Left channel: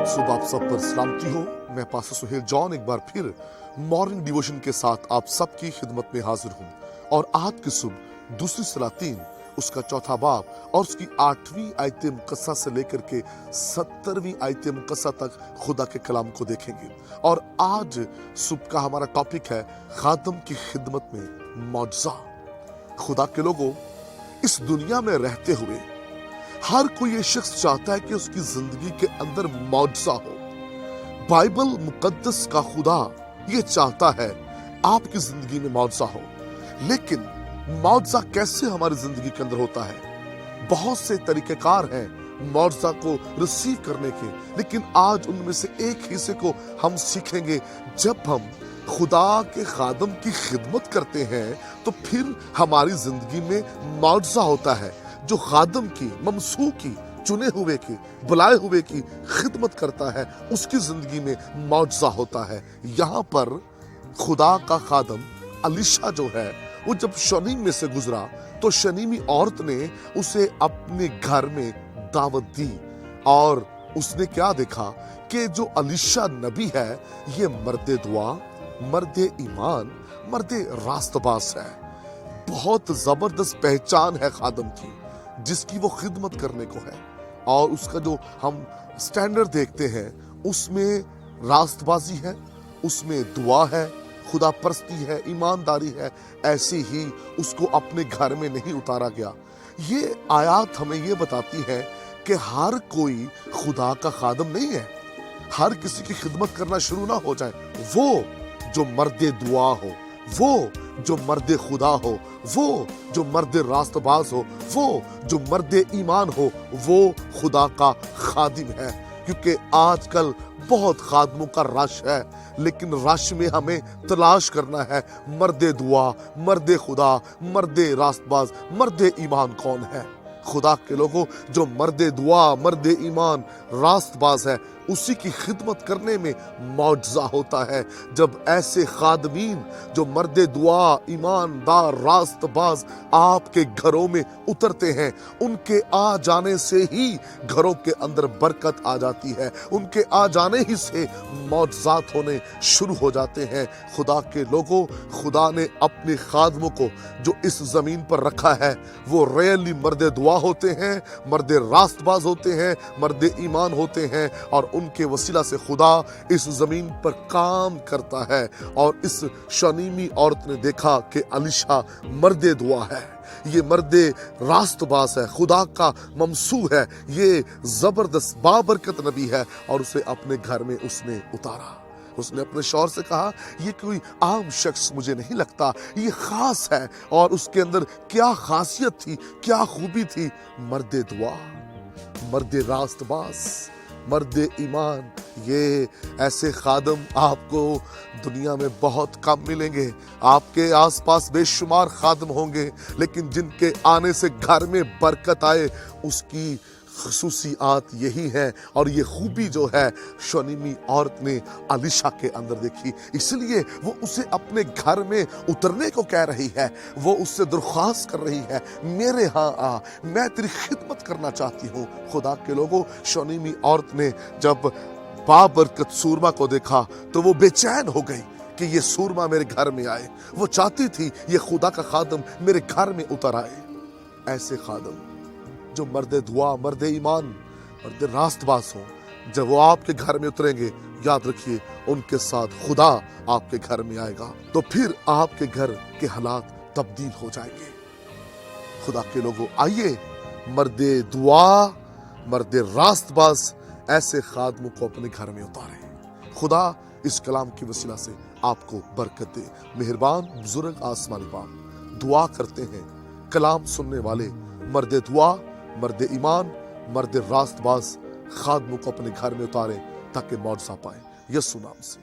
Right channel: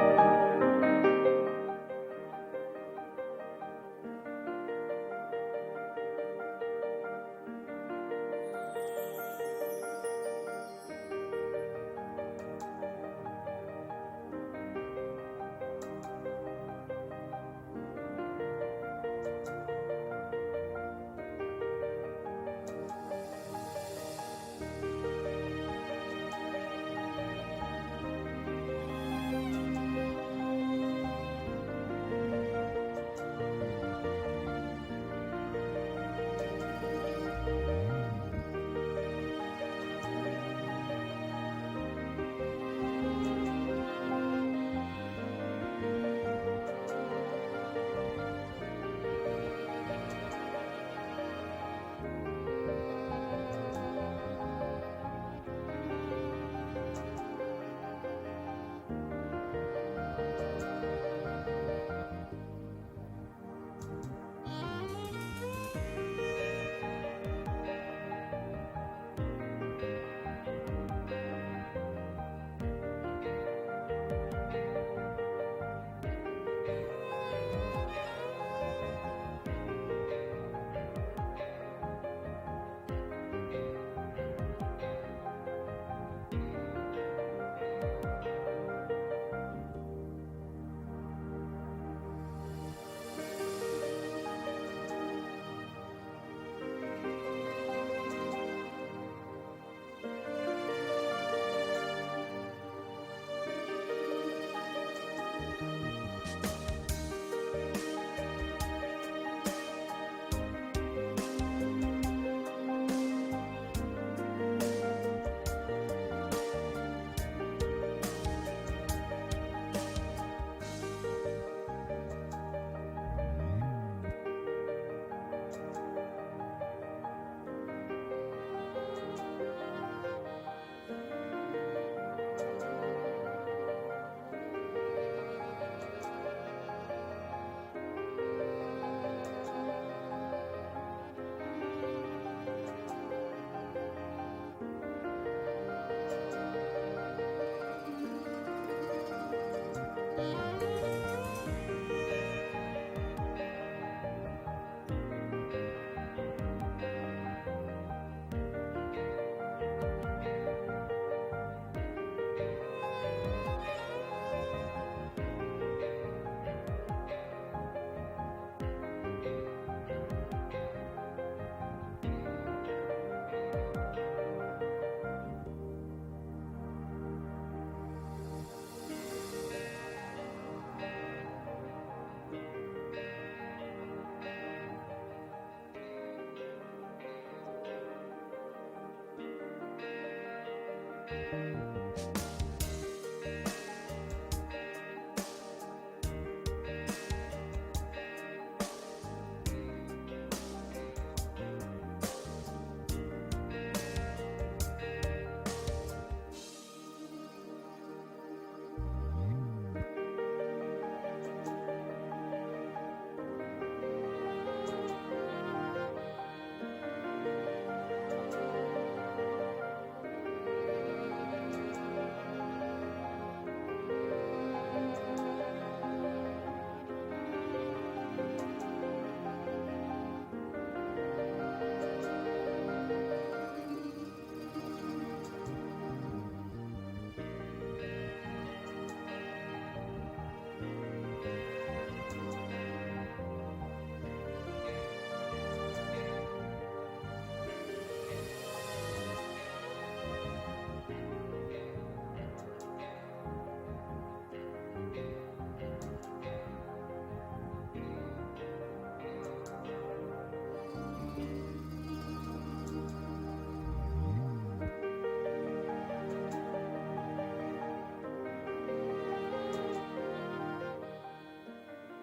आज सुबह आप सब पर सलामती हो। मैं पास्टर सुहेल जॉन एक बार फिर मॉर्निंग डिवोशन के साथ आप सबकी खिदमत में हाजिर हूँ। और आज की सुबह दूसरी सलातीन उसका चौथा बाब और उसकी 8वीं आयत मुकद्दसा से लेकर के 70वीं आयत मुकद्दसा तक खुदा के कलाम को देखेंगे। और आज सुबह का हमारा टॉपिक है खादम की खिदमत में मौजज़ा। खुदा के लोगों, इस दुनिया में रहते हुए हर कोई ये शख्स चाहता है कि उसकी जिंदगी के अंदर मौजज़ा हो। बाइबल मुकद्दस का खुदा ये चाहता है आपकी जिंदगी में मौजज़ा हो। लेकिन मौजज़ा कैसे हमारी जिंदगी के अंदर होता है? बहुत से तरीकेकार हैं मौजज़ा को रिसीव करने के, लेकिन आज उनमें से एक हिस्से को हम सीखेंगे। जब हम खुदा के खादम की खिदमत करते हैं तो फिर हमारी जिंदगी में मौजज़ा होता है। जो खादम की, ममसू की, चुने हुए की, बुलाए हुए की खिदमत करता है, उसकी जिंदगी में मौजज़ा होता है। यहाँ पर खुदा का खादम अलीशा जो है, वो जब शनीम में से गुजरा तो शनीमी औरत ने उसे अपने घर में दावत दी। और उसने क्या देखा कि जो अलीशा नबी है ये मर्दे दुआ, मर्दे ईमान, मर्दे रास्तबाज है। बहुत जबरदस्त पहचान है खादम की जिसकी वो खिदमत करने को है। और उसका जो हम स्टैंडर्ड देखते हैं उसमें रास्तबाजी है, उसमें दुआ है, खुदा परस्ती है, ईमानदारी है। ऐसे ही उसको अपने घर में नहीं उतारा गया। ये आयत हमें ये बताती है कि हर कोई खुदा का खादम नहीं है। हर किसी की खिदमत करना शुरू ना हो जाए। वो जो मर्दे दुआ हो, वो जो मर्दे खुदा हो, वो जो मर्दे रास्तबाज हो, वो जो मर्दे ईमान हो, वो खुदा का खादिम है। क्योंकि आजकल बहुत खादमों का रश है, लेकिन रश में हमें तलाश करना है मर्दे दुआ, मर्दे खुदा, मर्दे रास्तबाज, मर्दे ईमान कौन है। खुदा के लोगों, जो मर्दे दुआ, मर्दे ईमान, रास्तबाज है, उसी की खिदमत करने में मौजज़ा होता है। जब ऐसे खादमीन जो मर्दे दुआ, ईमानदार, रास्तबाज आपके घरों में उतरते हैं, उनके आ जाने से ही घरों के अंदर बरकत आ जाती है। उनके आ जाने ही से मौजज़ात होने शुरू हो जाते हैं। खुदा के लोगों, खुदा ने अपने खादमों को जो इस जमीन पर रखा है वो रियली मर्दे दुआ होते हैं, मर्दे रास्तबाज होते हैं, मर्दे ईमान होते हैं। और उनके वसीला से खुदा इस जमीन पर काम करता है। और इस शनीमी औरत ने देखा कि अलीशा मर्दे दुआ है, ये मर्दे रास्तबाज है, खुदा का ममसू है, ये जबरदस्त बाबरकत नबी है। और उसे अपने घर में उसने उतारा। उसने अपने शौहर से कहा, ये कोई आम शख्स मुझे नहीं लगता, ये खास है। और उसके अंदर क्या खासियत थी, क्या खूबी थी? मर्दे दुआ, मर्दे रास्तबाज, मर्दे ईमान। ये ऐसे खादम आपको दुनिया में बहुत कम मिलेंगे। आपके आसपास बेशुमार खादम होंगे, लेकिन जिनके आने से घर में बरकत आए उसकी खसूसियात यही है। और ये खूबी जो है शनीमी औरत ने अलीशा के अंदर देखी, इसलिए वो उसे अपने घर में उतरने को कह रही है। वो उससे दरख्वास्त कर रही है, मेरे यहाँ आ, मैं तेरी खिदमत करना चाहती हूँ। खुदा के लोगों, शनीमी औरत ने जब बाबरकत सूरमा को देखा तो वो बेचैन हो गई कि ये सूरमा मेरे घर में आए। वो चाहती थी ये खुदा का खादम मेरे घर में उतर आए। ऐसे खादम जो मर्दे दुआ, मर्दे ईमान, मर्दे रास्तबाज हो, जब वो आपके घर में उतरेंगे, याद रखिए उनके साथ खुदा आपके घर में आएगा। तो फिर आपके घर के हालात तब्दील हो जाएंगे। खुदा के लोगों, आइए मर्दे दुआ, मर्दे रास्तबाज ऐसे खादमों को अपने घर में उतारें। खुदा इस कलाम की वसीला से आपको बरकत दे। मेहरबान बुजुर्ग आसमानी बाप, दुआ करते हैं कलाम सुनने वाले मर्दे दुआ, मर्दे ईमान, मर्दे रास्तबाज खादमों को अपने घर में उतारें ताकि मौजज़ा पाए। यीशु नाम से।